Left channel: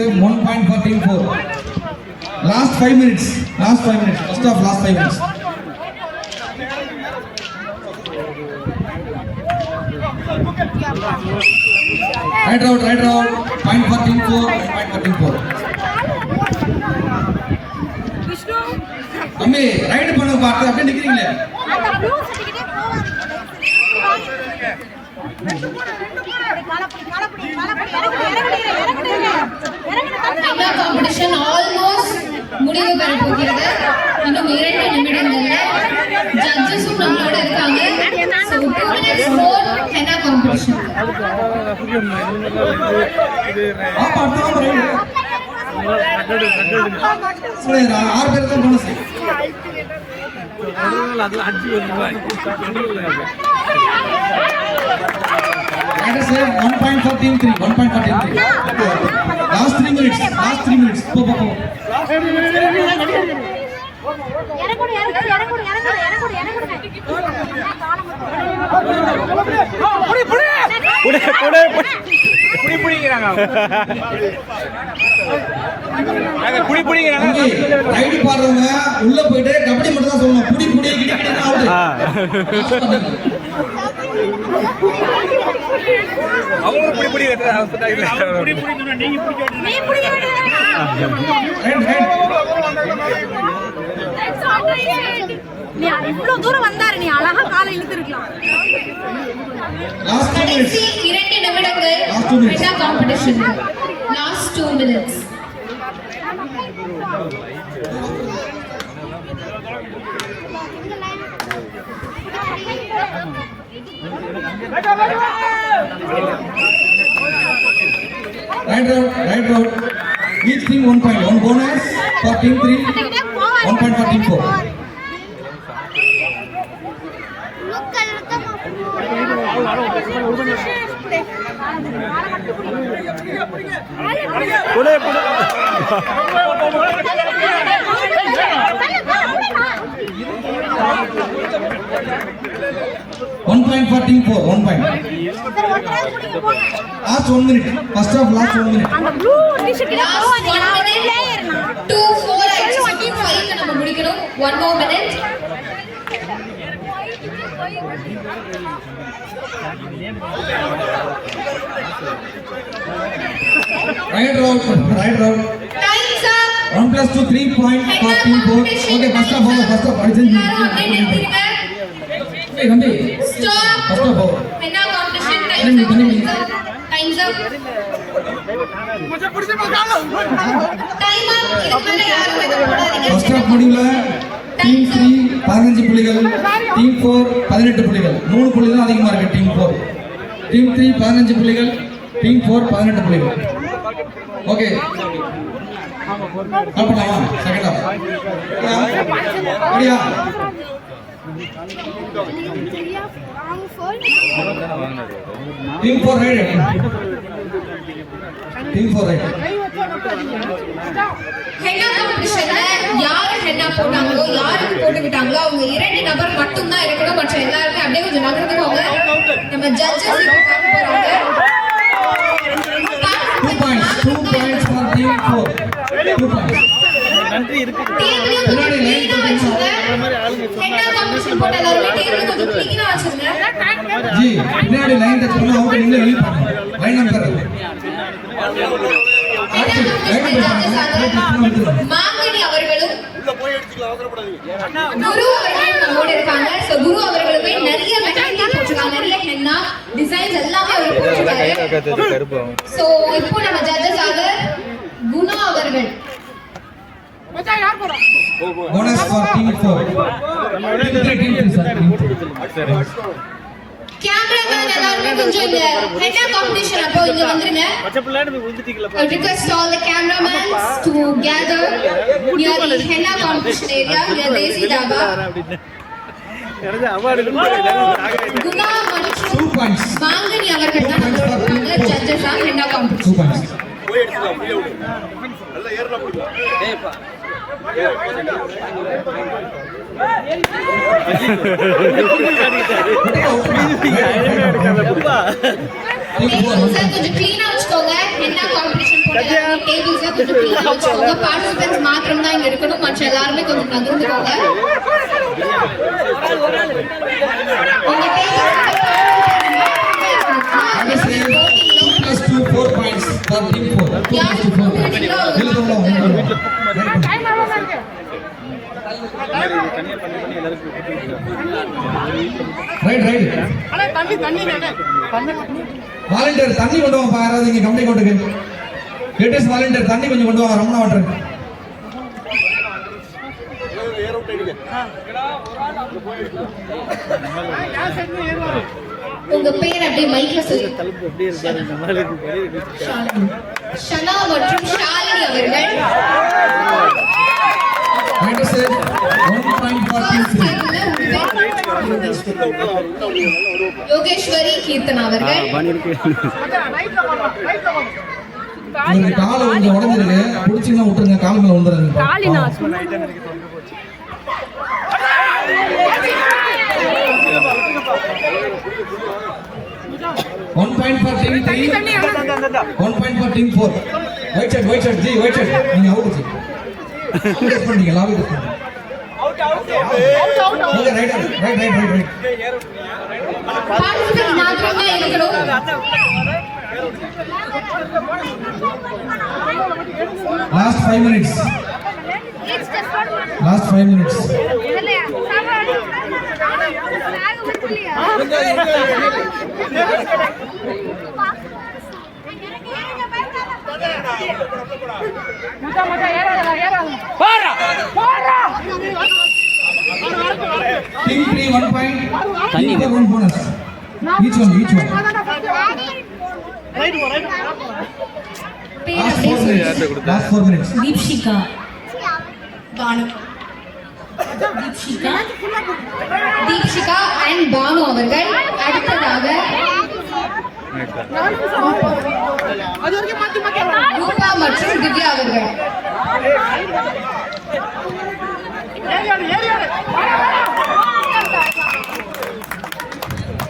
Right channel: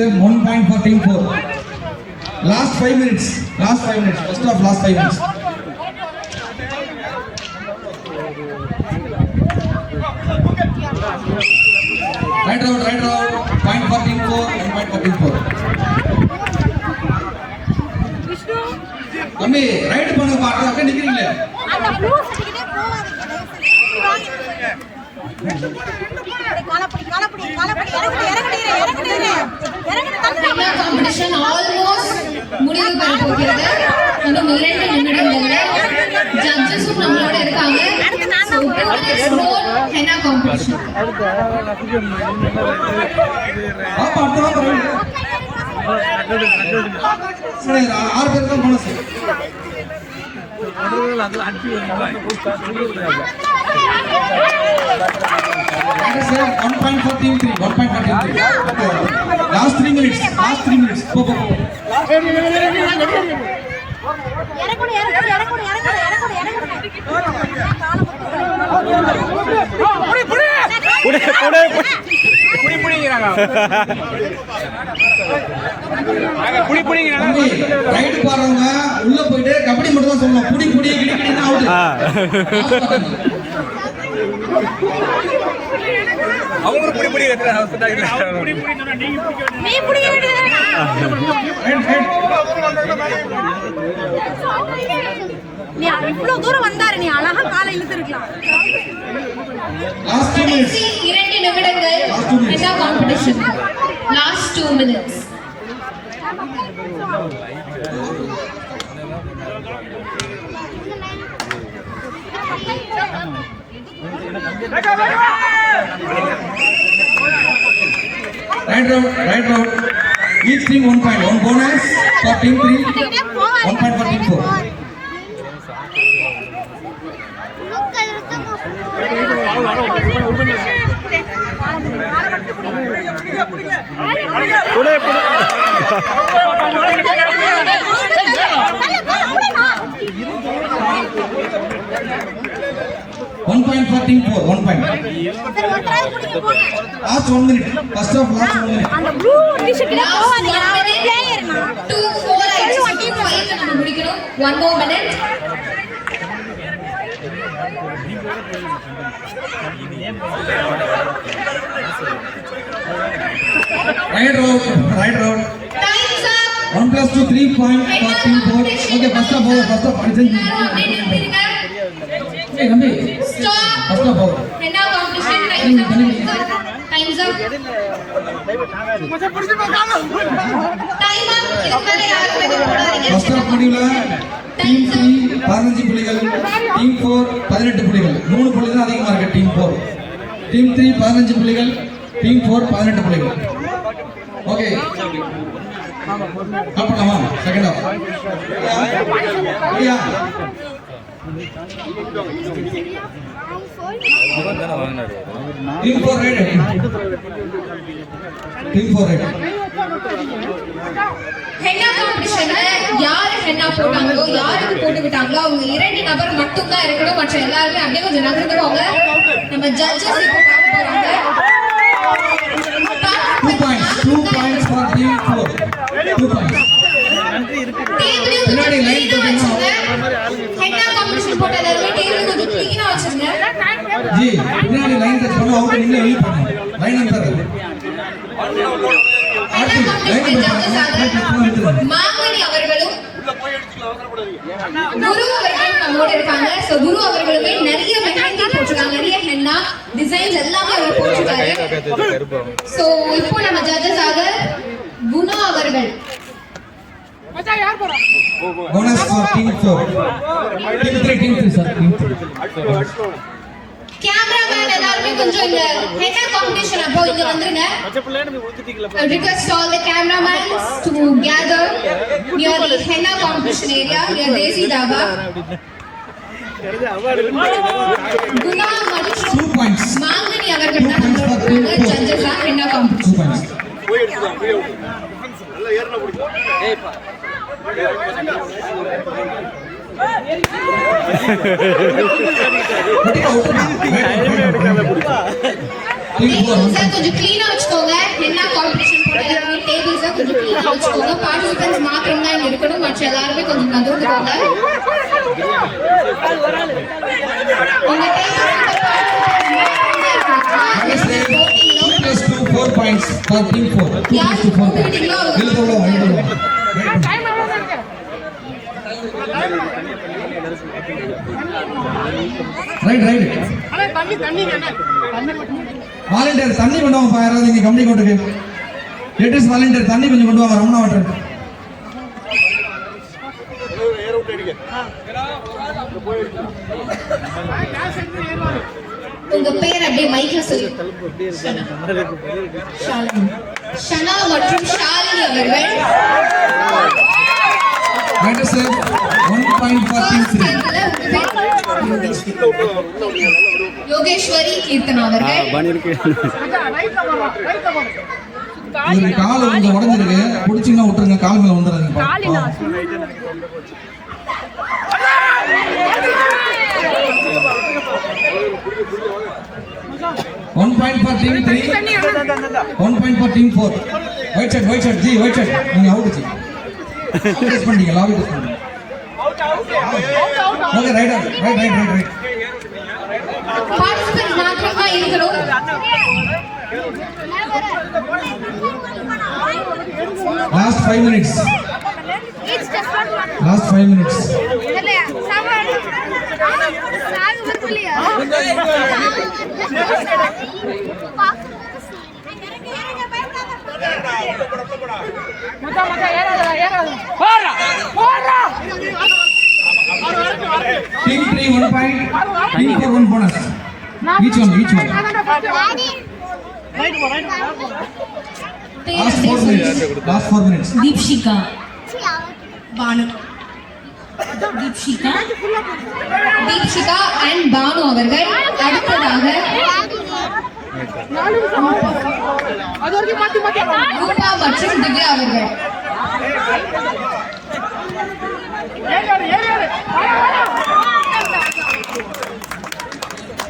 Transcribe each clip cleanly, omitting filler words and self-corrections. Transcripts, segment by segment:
save 1 point for team 4. Last 5 minutes. First of last 5 minutes. Right out. Point for team 4. 1 point for team 4. தம்பி right பண்ண பாக்க அப்படியே நிக்கிறீங்களே. Competition almost முடிவு பெற போகிறது. இன்னும் 2 நிமிடங்கள்ல ஜட்ஜஸும் நம்மளோட இருக்காங்க. So 2 minutes more henna competition. சரி 6 பேருக்கு bonus. That is 1 point for team 3. 1 point for team 3. Last 3 minutes. Go. Ride பாடுறவங்க உள்ள போயிட்டு கபடி மட்டும் தான் சொல்லணும். புடி கிடிக்கிடினா அவுட். அவங்க புடி சொன்னாங்க. நீ புடி நீ இவ்வளவு தூரம் வந்தாரு, நீ அழகா காலை இழுத்துருக்கலாம். கடைசி 2 நிமிடங்கள் henna competition. Last 2 minutes. Right route. Each team 1 point. 1 bonus for team 3. 1 point for team 4. One point for team 4. 1 point. Last 1 minute. First of last 1 minute. அந்த ப்ளூ டி-ஷர்ட்ல போவானே பிளேயர் நான் 2-4 2-5 நம்ம முடிக்கணும். 1 more minute. Right route. Time's up. 1 plus 2 3 point for team 4. Okay, first of all. Hey, Rambi. Stop. First of all. henna competition. Time's up. இதுக்கு யாரும் எதுவும் போடாதீங்க. First of முடிவுல team 3 15 புள்ளிகள், team 4 18 புள்ளிகள். 3 புள்ளி தான் அதிகமா இருக்கு team 4. Team 3 15 புள்ளிகள், team 4 18 புள்ளிகள். ஓகே. கப்பலாமா? Second half. ரெடியா? Team 4 ready. henna competitionல யாரு henna போட்டாங்களோ, யாருக்கு போட்டு விட்டாங்களோ அவங்க 2 நபர் மட்டும் தான் இருக்கணும். மற்ற எல்லாரும் அப்படியே கொஞ்சம் நகர்ந்துக்கோங்க. நம்ம ஜட்ஜஸ் இப்போ பார்க்க போறாங்க. 2 points for team 4. 2 points. டேபிளையும் கொஞ்சம் clean-ஆ வச்சுங்க. henna competition போட்ட எல்லாரும் டேபிள் கொஞ்சம் clean-ஆ வச்சுங்க. ஜி பின்னாடி லைன் டச் பண்ணா அவுட், நீங்க ஹெல்ப் பண்ணுங்க. லைன் நம்பர் மாங்கனி அவர்களும் குரு அவர்களும் நம்மோட இருக்காங்க. சோ குரு அவர்களுமே நிறைய மெஹந்தி போட்டுருக்காங்க, நிறைய ஹென்னா டிசைன்ஸ் எல்லாமே அவர் போட்டுருக்காரு. சோ இப்போ நம்ம ஜட்ஜஸ் ஆக குணா அவர்கள். Bonus for team 4. Team 3 sir. Cameraman எல்லாரும் கொஞ்சம் இந்த ஹென்னா காம்படிஷன் அப்போ இங்க வந்துருங்க. I request all the cameramen to gather near the henna competition area near Desi Dhaba. Guna மற்றும் 2 points. மாங்கனி அவர்கள் தான் நம்மளோட judges on henna competition. 2 points. கொஞ்சம் clean-ஆ வச்சுக்கோங்க. henna competition எல்லாருமே டேபிள்ஸ் கொஞ்சம் clean-ஆ வச்சுக்கோங்க. பார்ட்டிசிபென்ட்ஸ் மாத்திரம் தான் இங்க இருக்கணும். மற்ற எல்லாருமே கொஞ்சம் நகர்ந்துக்கோங்க. உங்க Plus 2 4 points for team 4. 2 plus 2 4 points. இழுத்துள்ளோம். Right volunteer தண்ணி கொண்டு வாங்க யாராவது இங்க கம்பெனி கோட்டுக்கு. லேட்டஸ்ட் வாலண்டியர் தண்ணி கொஞ்சம் கொண்டு வாங்க. ரமணா வாட்டர். உங்க பேர் அப்படியே மைக்ல சொல்லுங்க. ஷனா மற்றும் ஷாலினி அவர்கள். Right sir 1.43. யோகேஸ்வரி கீர்த்தனா அவர்கள். ஒரு கால் கொஞ்சம் உடைஞ்சிருக்கு. புடிச்சிங்கன்னா விட்டுருங்க. கால் மேல வந்துடுறீங்க. 1.4. White shirt, G, white shirt. நீங்க அவுட் ஜி. டெஸ்ட் பண்ணீங்க, லாபி டெஸ்ட் பண்ணீங்க. Okay, right. பார்ட்டிசிபென்ட்ஸ் மாத்திரம் தான் இருக்கணும். Last 5 minutes. Team 3 1 point, team 4 1 bonus. Each one. Last 4 minutes. Deepshikha and Banu அவர்கள். அடுத்ததாக ரூபா மற்றும் திவ்யா அவர்கள்.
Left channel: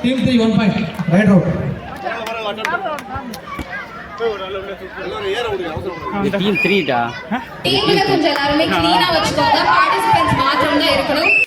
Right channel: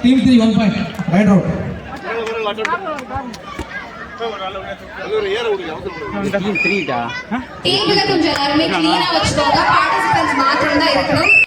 Team 3 1 point. Right out. Team 3 டா. டீம்ல கொஞ்சம் எல்லாருமே clean-ஆ வச்சுக்கோங்க. பார்ட்டிசிபென்ட்ஸ் மாத்திரம் தான் இருக்கணும்.